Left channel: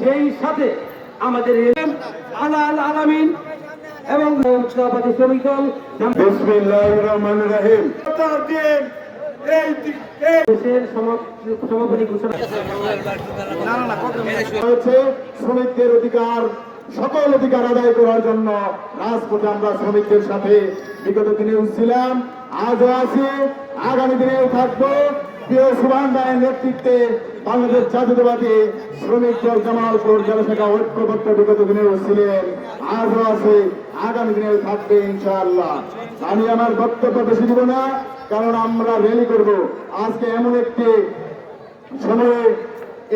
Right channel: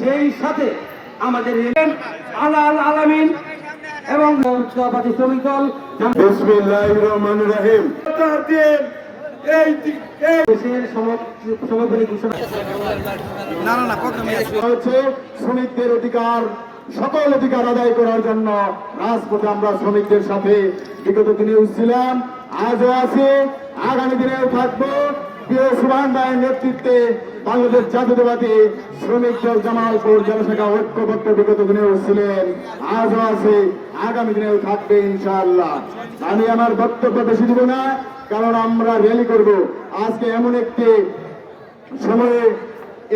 সেই সাথে আমাদের আলাল আলামিন এবং সভাপতি শ্রমিক দল বিসমিল্লাহির রহমানির রহিম এই দেশের সভাপতি ঘোষণা হচ্ছে শ্রমিকদের অধিকার সকল অধিকার আদায় করার জন্য রাজপথে আমরা শ্রমিকদের সাথে বিগত দিনে ছিলাম, আজও আছি, আগামী দিনেও থাকবো। প্রিয় সুবহান ভাইয়ের নেতৃত্বে বাংলাদেশ জাতীয়তাবাদী শ্রমিক দল জামালপুর জনশাখা ঐক্যবদ্ধ বিগত দিনেও ছিলেন, আজও আছে, আগামী দিনেও থাকবে ইনশাআল্লাহ। আমি আমার বক্তব্য বেশি দিব না, কারণ আমরা র্যালি করব। আজকে এমন একটি সময়ে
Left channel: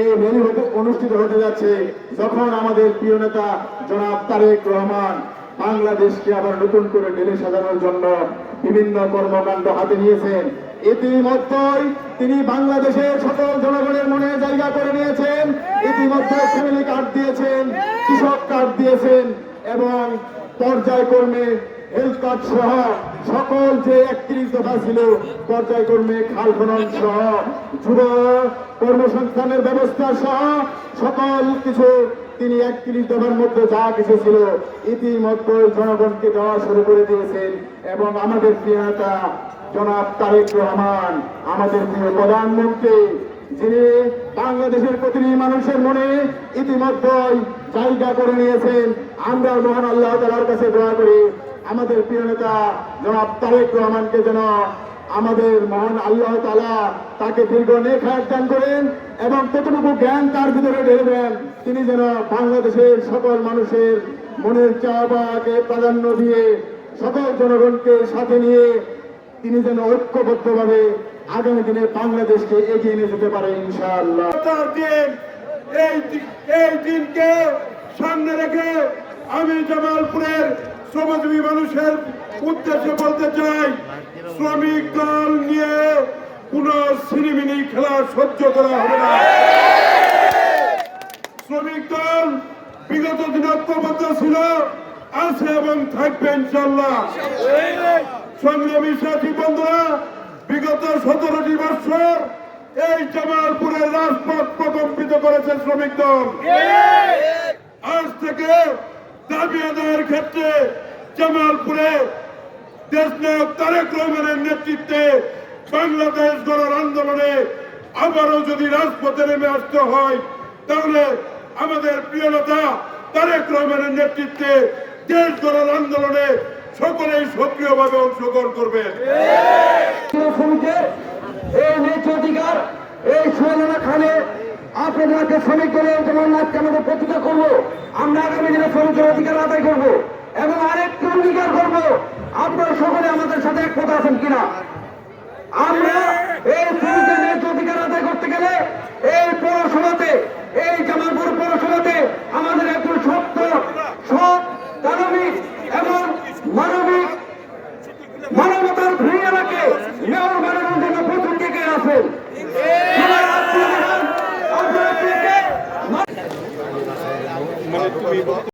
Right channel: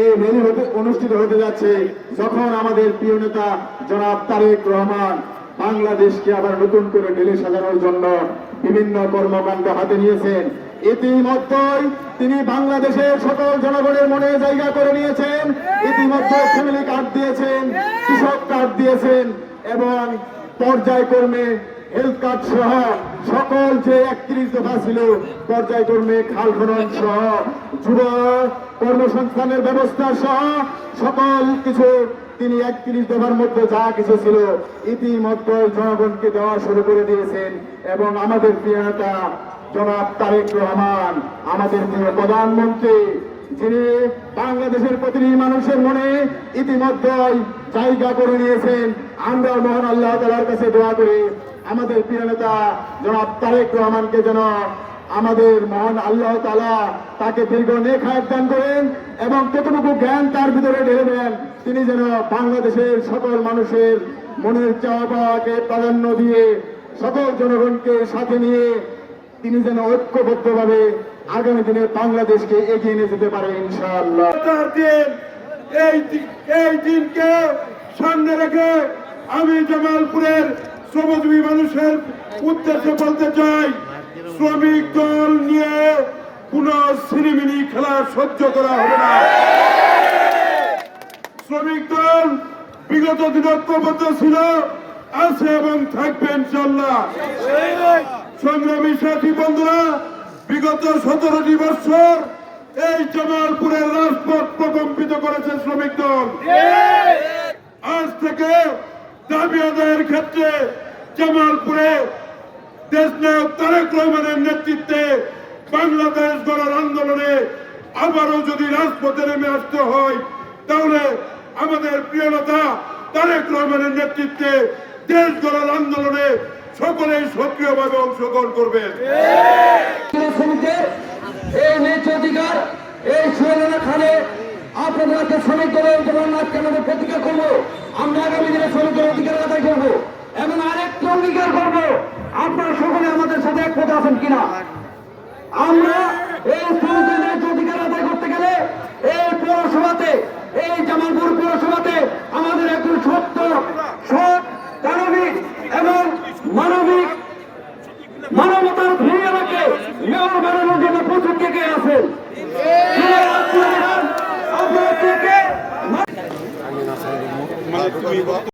এই র্যালি অনুষ্ঠিত হতে যাচ্ছে যখন আমাদের প্রিয় নেতা জনাব তারেক রহমান বাংলাদেশকে আবার নতুন করে ঢেলে সাজানোর জন্য বিভিন্ন কর্মকাণ্ড হাতে নিয়েছেন। ইতিমধ্যেই তিনি বাংলাদেশের সকল জনগণের মনে জায়গা করে নিয়েছেন। ইতিমধ্যে ফ্যামিলি কার্ড দিয়েছেন, কৃষক কার্ড দিয়েছেন এবং পর্যায়ক্রমে হেলথ কার্ড সহ সকল যে 31 দফা ছিল পর্যায়ক্রমে খাল খনন সহ যুব কর্মসংস্থানের ব্যবস্থা সহ সকল কিছু তিনি 31 দফার মধ্যে যা কিছু ছিল ইতিমধ্যে জনগণকে দেওয়া শুরু করে দিয়েছেন। এবং আমাদের প্রিয় নেতা জনাব তারেক রহমান, আমাদের প্রিয় প্রধানমন্ত্রী, যিনি বাংলাদেশের প্রতিটি মানুষের মনে ইতিমধ্যে জায়গা করে নিয়েছেন। আমরাও মহান আল্লাহ তাআলার কাছে দোয়া করি আমাদের প্রিয় নেতা জনাব তারেক রহমানকে যেন আমাদের মহান আল্লাহ তাআলা তাকে দীর্ঘ নেক হায়াত দান করেন এবং কতটুকু জ্ঞান তার ভিতরে ঢেলে দেন তিনি যেন বাংলাদেশের সকল মানুষের মনের চাওয়াকে প্রাধান্য দিয়ে সকল জনগণকে সাথে নিয়ে তিনি যেন ঐক্যবদ্ধভাবে আগামী দিনে বাংলাদেশকে এগিয়ে নিয়ে যেতে পারে ইনশাআল্লাহ। এই দিনকে সামনে রেখে আমি জামালপুরের শ্রমজীবী মানুষের উদ্দেশ্যে বলতে চাই, শ্রমিক দল নিয়ে কোন সিনেমিনি খেলা সহ্য করা হবে না। শ্রমিক দল বিগত দিন ঐক্যবদ্ধ ছিল, আছে এবং থাকবে ইনশাআল্লাহ। সংগ্রামী সাথী বন্ধুরা, বিগত 17টি বছর এই জামালপুরের রাজপথ প্রকম্পিত করেছে শ্রমিক দল। আজ থেকে দাবি আদায়ের ক্ষেত্রে জামালপুরে দেশনায়ক তারেক রহমানের নেতৃত্বে বাংলাদেশ গড়ার আন্দোলনে আবারও যদি রাজপথে নেমে আসতে হয়, তাহলে আমাদের প্রিয় নেতা তারেক রহমানের নেতৃত্বে দেশ গড়ার আন্দোলনে সকলেই সক্রিয়ভাবে অংশগ্রহণ করবেন। এই ন্যায্য অধিকার এই সোহেলা খানে আপনাদের একটা শ্রমিক দলের যেমন আজকে আমাদের প্রতিজ্ঞা করবো, আমরা আগামী দিনে শ্রমিকের অধিকার আদায় করবো এবং আরেকটু অঙ্গীকার করবো, আপনারা সকলে আমাদের সাথে একমত আছেন কিনা। আমরা এই শ্রমিকের ন্যায্য অধিকার আদায় করতে গেলে এই পৌরসভাতে, এই জামালপুর পৌরসভাতে আমাদের একজন সত্য, সৎ, দানবিক এবং মানবতার ভূমিকাকে মেয়র বানানোর জন্য প্রচুর কে আছেন। আপনারা কে